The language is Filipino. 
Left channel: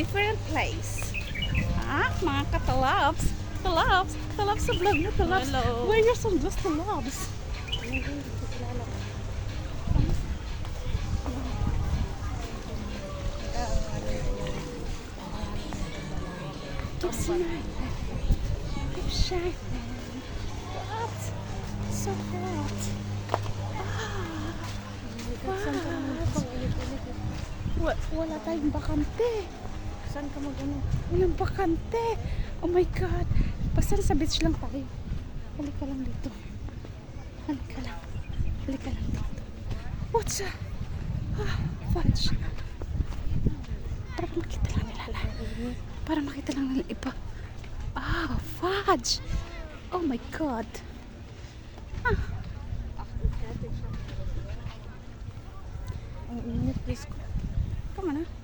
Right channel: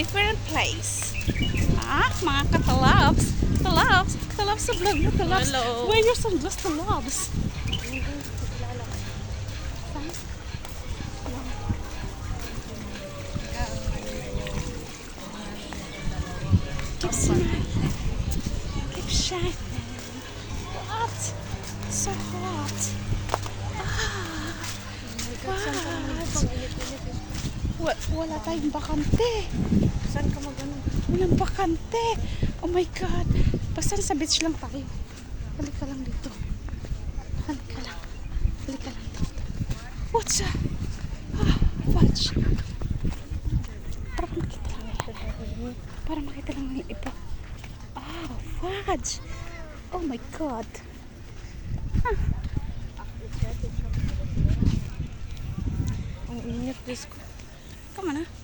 different place. Ah, mga katalabs. Talabs. Talabs sa vlog mo, talabs. Hello. Wear your sunglass, talabs. Keep smiling. Keep shining. What? So hot. Ah. What? Wala tayong bakante. Saan ka mag-ano? Walang bakante. Oh my God. Basta sa beach lang tayo. Halika lang dito. Halika lang. Halika lang dito. What's up? Ah, fudge. Para makita lang. Para makita lang ng iba. Ah, fudge. Oh my God. Ah. Ang init, Diyos ko. Come on, ah.